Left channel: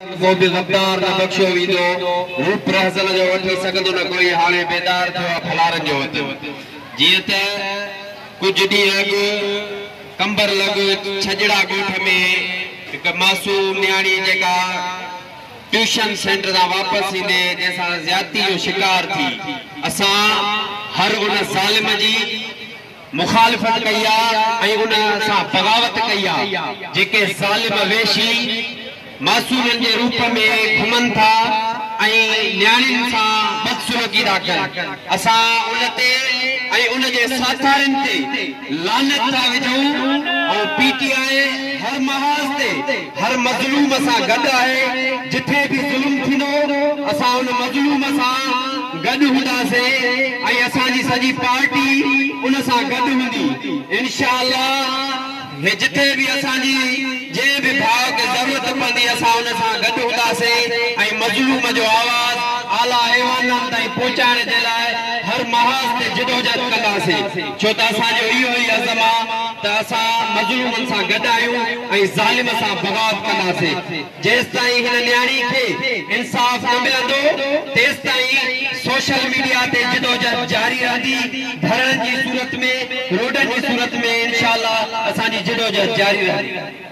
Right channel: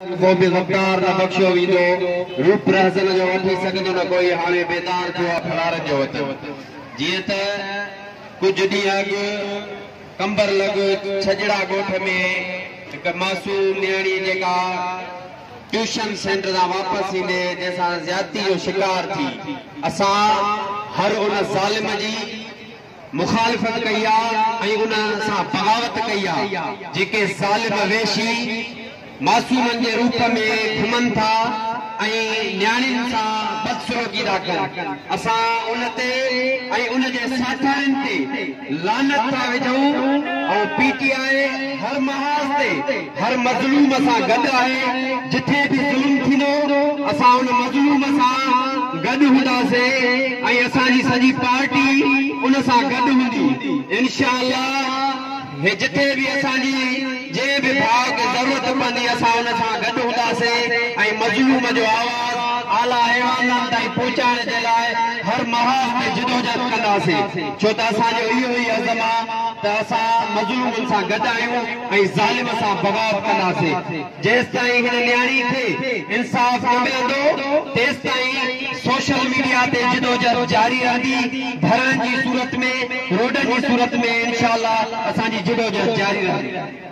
वो भी गद्दार ना बख्शो वीदो रूप रहसन जो वठी सकदो न कोई हाणे बेदार थियो फलार जो वत जीअं त कुछ डी अॻु कंबर लग छजड़ा गोठ में एक मासूम न्याणी जेका ट्यूशन सेंटर दा वापस ईंदे जैसा ज्यादती जो शिकार थी असा हर उन ज़ालिम जी मुखालिफत कई ऐं उन सां बगावत कई जेके ज़ालिम वेशी मासूमन के रूप में घुमन था न्याणियुनि सां बदसलूकी था कनि असां उन ते ऐं उन जे साथारनि ते लानत था विझूं ऐं पीटीआई हर महाज ते हर मज़लूम सां गॾु आहे जिथे बि ज़ुल्म थींदो असां उन मज़लूम सां गॾु हूंदासीं ऐं असांजी सॼी पार्टी उन सां गॾु हूंदी इंशाअल्लाह जिथे भी असांजी जे भी भाव के जरूरत पवंदी असां उन सां गॾु हूंदासीं ऐं मज़लूम जो आवाज़ आला ऐवाननि ताईं पहुचाइण जे लाइ हर महाज ते जिदोजहद कंदासीं छो त असांजो इहो ई अज़म आहे त असां मज़लूमनि सां गॾु आहियूं ऐं ज़ालिम सां बगावत कंदासीं जेसिताईं हिन न्याणी खे इंसाफ़ न मिलंदो तेसिताईं सोशल मीडिया ते जिदोजहद जारी रहंदी धरणनि जी सूरत में रोडनि जी सूरत में इंशाअल्लाह असांजी जिदोजहद जारी रहंदी